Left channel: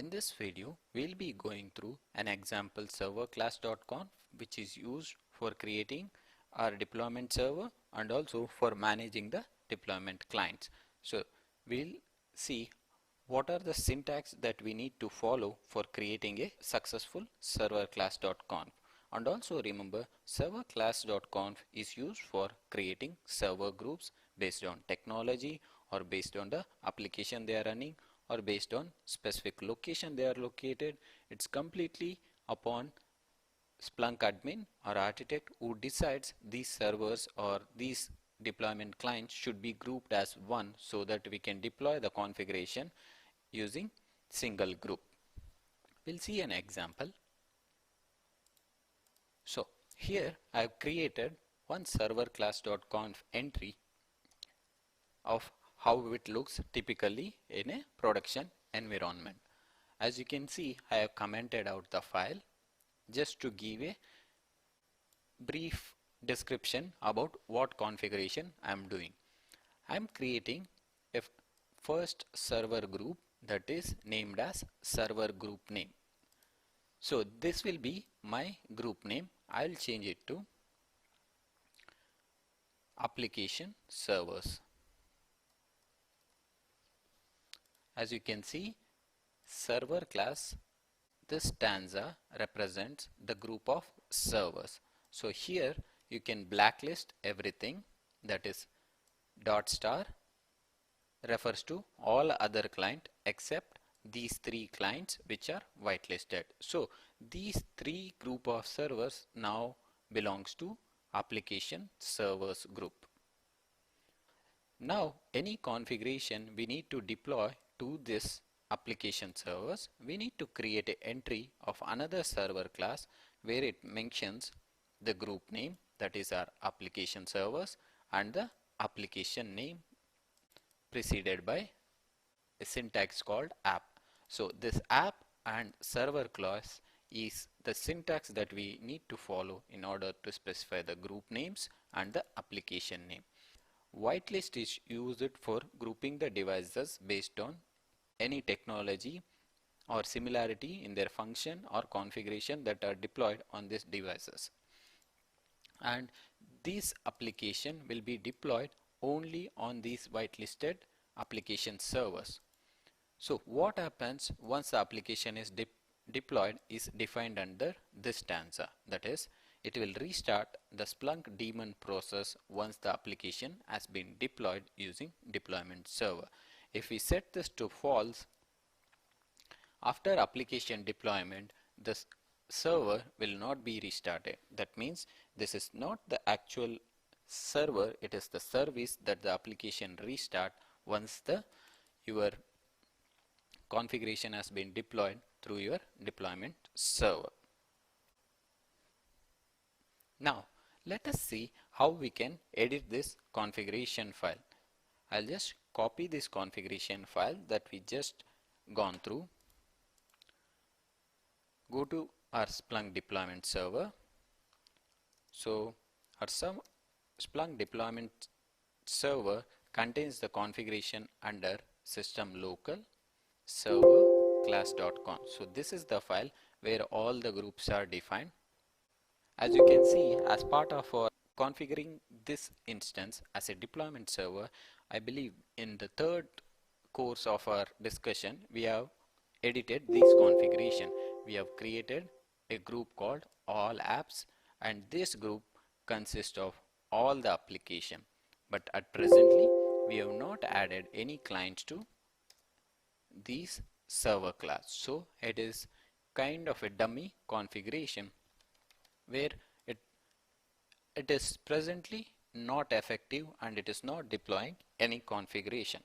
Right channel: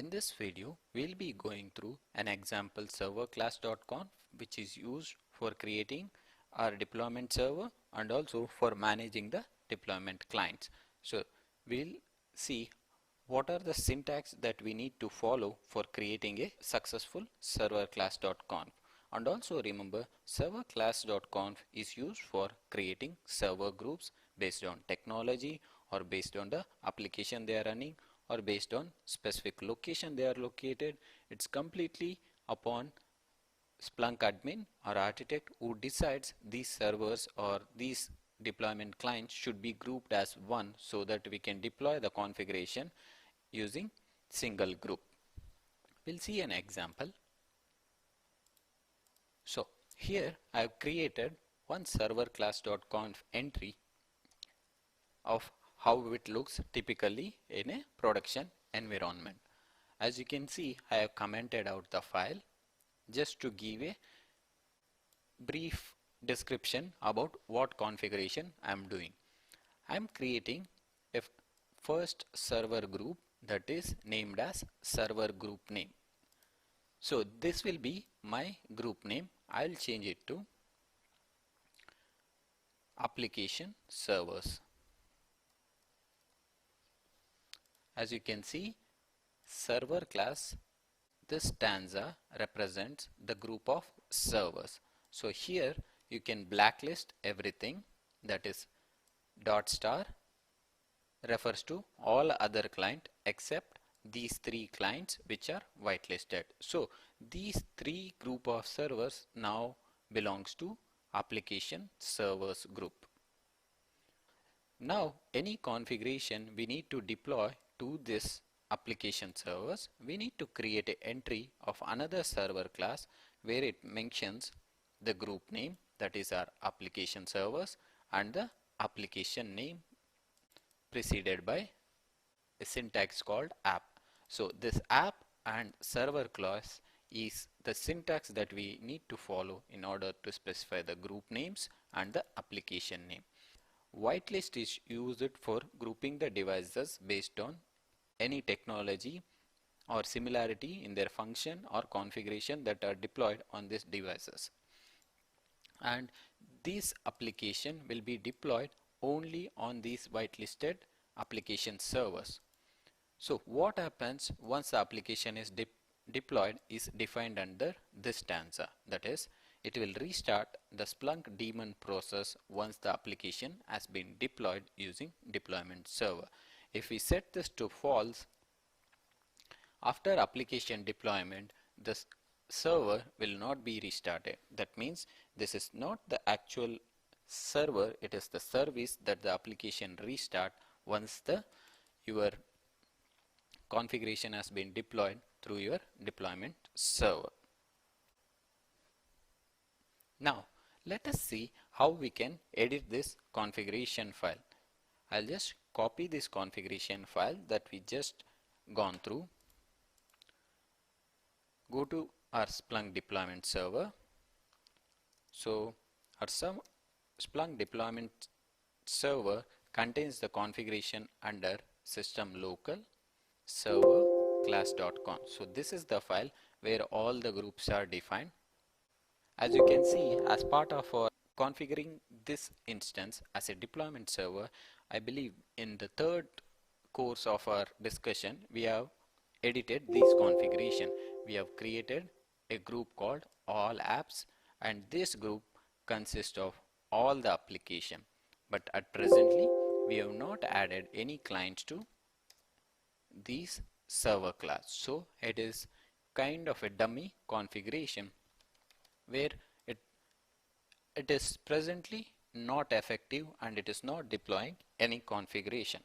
In this video, we'll be going through an example server class.conf which is used for creating our deployment server and also for managing the deployment clients. So we'll see what are the syntax that we need to follow for creating a successful server class.conf. And also remember, server class.conf is used for creating server groups based on technology or based on the application they are running or based on specific location they are located. It's completely upon Splunk admin or architect who decides these servers or these deployment clients should be grouped as one so that we can deploy the configuration using single group. We'll see an example. So here I have created one server class.conf entry of how it looks typically in a production environment. As you can see, I have commented out the file just to give a brief description about what configuration I am doing. I am creating a first server group that is named as server group name. So this will be my group name. I'll change it to application servers. As you can see, server class, this stanza represents the group of servers. So here you can blacklist everything, that is ** refers to all other client except these three clients which are whitelisted. So these three group of servers now belongs to application servers group. Now any configuration we need to deploy to this application servers, we need to create an entry of another server class where it mentions the group name, that is our application servers, and the application name preceded by a syntax called app. So this app and server class is the syntax that we need to follow in order to specify the group names and the application name. Whitelist is used for grouping the devices based on any technology or similarity in their function or configuration that are deployed on these devices. And this application will be deployed only on these whitelisted application servers. So what happens once the application is deployed is defined under this stanza, that is, it will restart the Splunk daemon process once the application has been deployed using deployment server. If we set this to false, after application deployment, the server will not be restarted. That means this is not the actual server, it is the service that the application restart once your configuration has been deployed through your deployment server. Now let us see how we can edit this configuration file. I'll just copy this configuration file that we just gone through. Go to our Splunk deployment server. So our Splunk deployment server contains the configuration under system local server class.conf. So this is the file where all the groups are defined. As you can see, as part of our configuring this instance as a deployment server, I believe in the third course of our discussion, we have edited this configuration. We have created a group called all apps, and this group consists of all the application. But at presently, we have not added any clients to this server class. So it is kind of a dummy configuration where it is presently not effective and it is not deploying any configuration.